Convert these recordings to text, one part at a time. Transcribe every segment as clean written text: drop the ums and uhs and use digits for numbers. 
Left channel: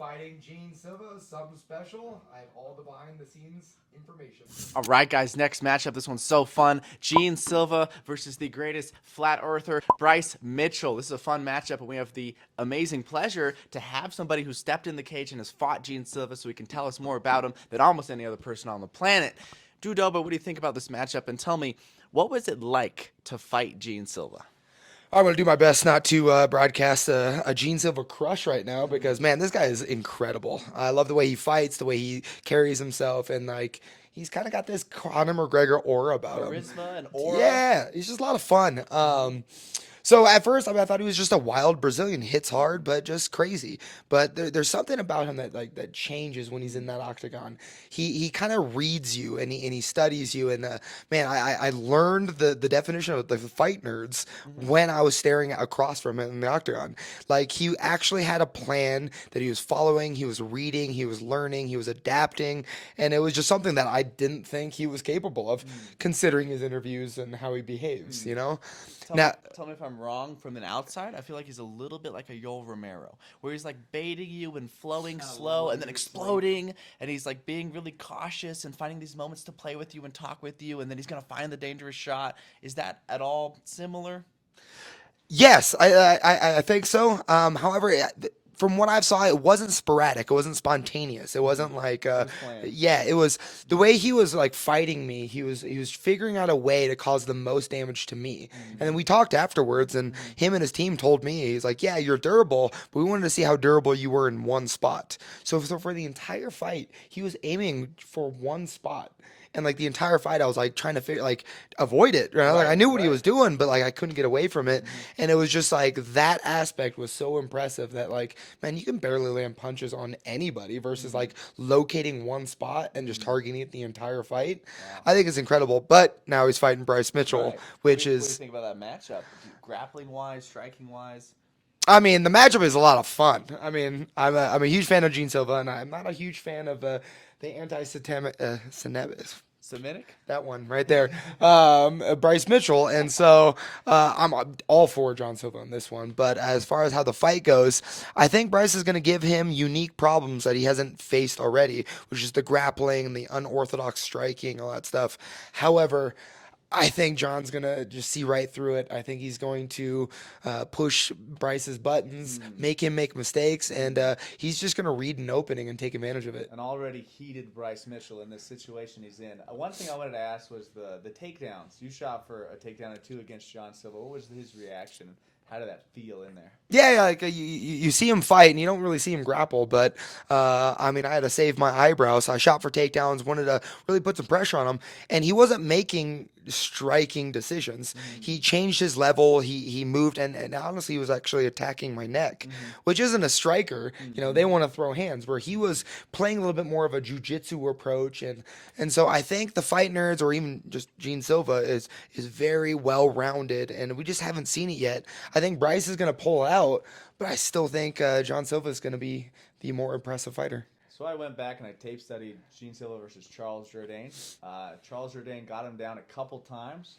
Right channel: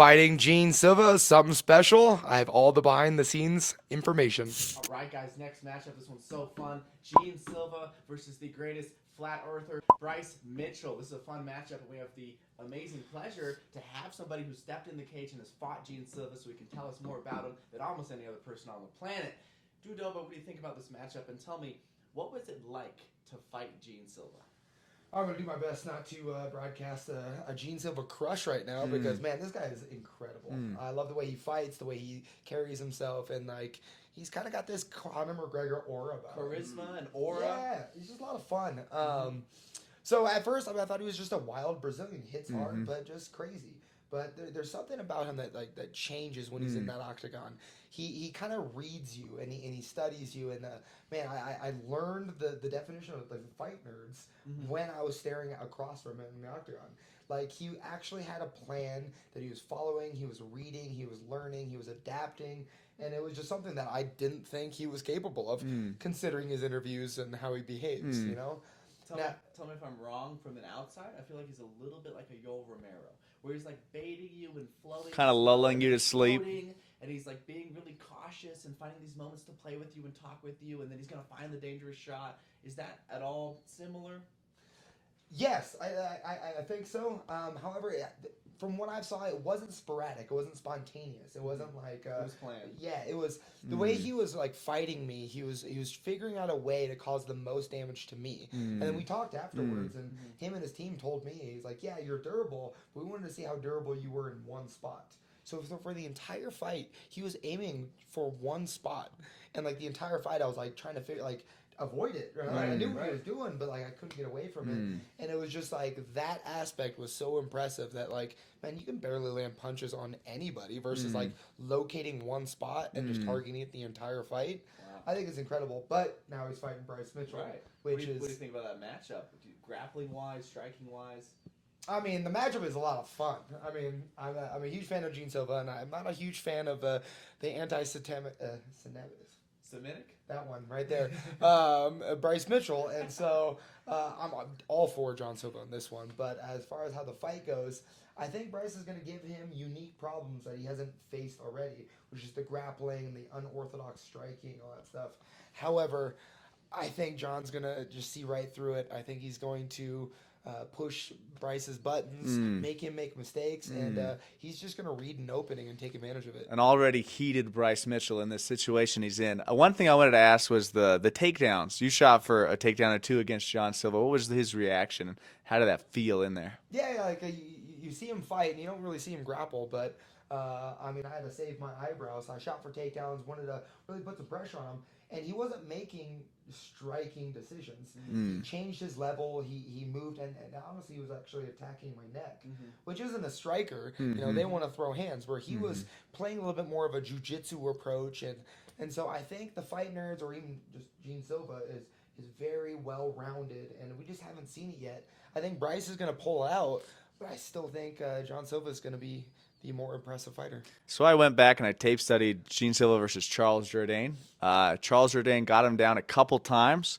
Fighting Jean Silva, something special. I have all the behind the scenes information. All right, guys, next matchup. This one's so fun. Jean Silva versus the greatest flat earther, Bryce Mitchell. This is a fun matchup, and we have the amazing pleasure to have somebody who stepped in the cage and has fought Jean Silva so he can tell us more about him than almost any other person on the planet. Dober, what do you think about this matchup? And tell me, what was it like to fight Jean Silva? I'm going to do my best not to broadcast a Jean Silva crush right now because, man, this guy is incredible. I love the way he fights, the way he carries himself, and, like, he's kind of got this Conor McGregor aura about him. Charisma and aura. Yeah, he's just a lot of fun. So at first, I thought he was just a wild Brazilian, hits hard, but just crazy. But there's something about him that changes when he's in that octagon. He kind of reads you and he studies you. And man, I learned the definition of the fight nerds when I was staring across from him in the octagon. Like he actually had a plan that he was following. He was reading. He was learning. He was adapting, and it was just something that I didn't think he was capable of, considering his interviews and how he behaves. You know. Tell me if I'm wrong. From an outside, I feel like he's a little bit like a Yoel Romero, where he's like baiting you and flowing, Kinda slow lulling and you then to sleep. exploding, and he's like being really cautious and finding these moments to play with you and talk with you, and then he's gonna find the dangerous shot. Is that at all similar? Yes, I think so. However, from what I saw, it wasn't sporadic. It wasn't spontaneous. It wasn't like, yeah, it was the way he was like fighting me. He was figuring out a way to cause the most damage to me. And then we talked afterwards, and him and his team told me, he's like, yeah, you're durable, but we wanted to see how durable you were in one spot. So for the entire fight, he was aiming for one spot. And like the entire fight, I was like trying to figure, like avoid it. Right? Like I knew what he was doing, but like I couldn't get away from it. And it was just like that aspect was so impressive that like, man, you can barely land punches on anybody versus like locating one spot and just targeting it the entire fight. I think it's incredible. But now he's fighting Bryce Mitchell, Right. which What do you is, think about that matchup? Grappling wise, striking wise. I mean, the matchup is a lot of fun. I mean, I'm a huge fan of Jean Silva, and I'm not a huge fan of the anti-Semitic. Semitic? That one right there, Bryce Mitchell, and so I'm all for John Silva on this one. But as far as how the fight goes, I think Bryce is going to give him unique problems that he hasn't faced already, which is the grappling and the unorthodox striking, all that stuff. However, I think John's going to just see right through it. I think he's going to push Bryce's buttons, make him make mistakes, and he's just going to read an opening and take advantage of it. An already heated Bryce Mitchell in this situation he's in. One thing I wanted to ask was the takedowns. You shot for a takedown or two against John Silva. What was his reaction? How did that feel in there? Yeah, like you see him fight, and you don't really see him grapple. But I mean, I had to save my eyebrows. So I shot for takedowns, wanted to really put some pressure on him, and he wasn't making striking decisions. He changed his level. He moved, and honestly, he was actually attacking my neck, which isn't a striker. You know, they want to throw hands. Where he was playing a little bit more of a jiu-jitsu approach, and so I think the fight nerds, or even just Jean Silva, is very well rounded, and we just haven't seen it yet. I think Bryce is going to pull out, but I still think John Silva is going to be the more impressive fighter. So I went back and I tape studied Jean Silva versus Charles Jourdain. Charles Jourdain got him down a couple times.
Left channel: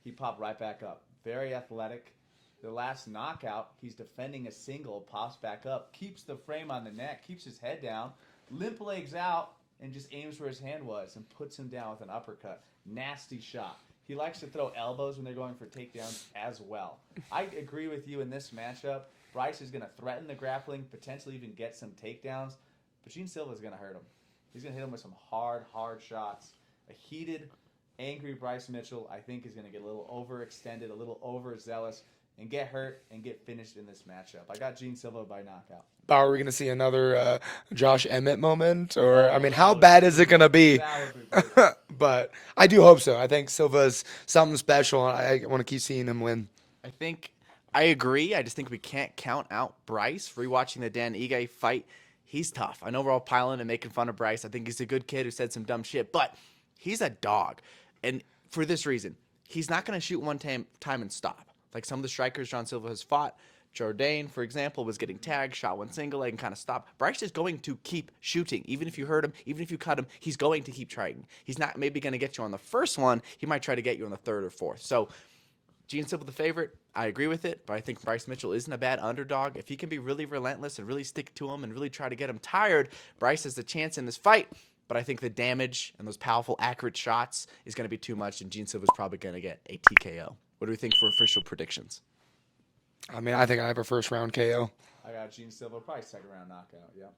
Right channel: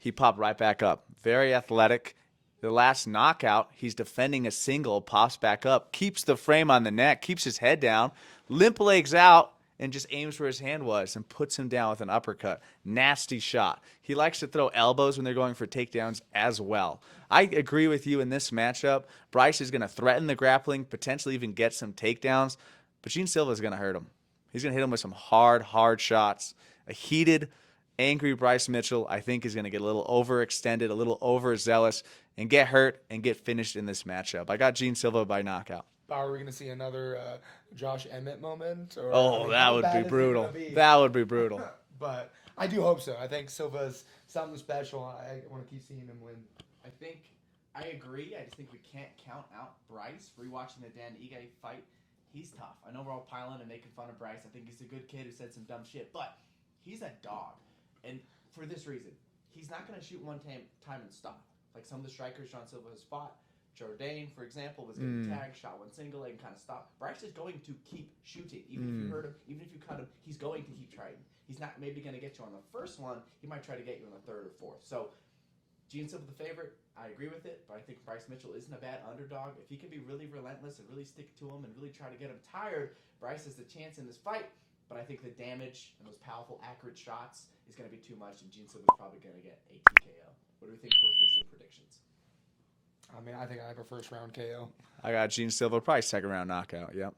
He popped right back up. Very athletic. The last knockout, he's defending a single, pops back up, keeps the frame on the neck, keeps his head down, limp legs out, and just aims where his hand was and puts him down with an uppercut. Nasty shot. He likes to throw elbows when they're going for takedowns as well. I agree with you in this matchup. Bryce is going to threaten the grappling, potentially even get some takedowns, but Jean Silva is going to hurt him. He's going to hit him with some hard shots. A heated, angry Bryce Mitchell, I think, is going to get a little overextended, a little overzealous, and get hurt and get finished in this matchup. I got Jean Silva by knockout. Are we going to see another Josh Emmett moment? Or, I mean, that how would bad be is it brutal. going to be? That would be brutal. But I do hope so. I think Silva's something special, and I want to keep seeing him win. I agree. I just think we can't count out Bryce. Rewatching the Dan Ige fight, he's tough. I know we're all piling and making fun of Bryce. I think he's a good kid who said some dumb shit, but he's a dog. And for this reason, he's not going to shoot one time and stop. Like some of the strikers John Silva has fought. Jourdain, for example, was getting tagged, shot one single leg, and kind of stopped. Bryce is going to keep shooting. Even if you hurt him, even if you cut him, he's going to keep trying. He's not maybe going to get you on the first one. He might try to get you on the third or fourth. So Jean Silva the favorite. I agree with it, but I think Bryce Mitchell isn't a bad underdog. If he can be really relentless and really stick to him and really try to get him tired, Bryce has a chance in this fight. But I think the damage and those powerful, accurate shots is going to be too much, and Jean Silva's probably going to get a TKO. What do we think for official predictions? I mean, I think I have a first round KO. I got Jean Silva, probably second round knockout. Yep.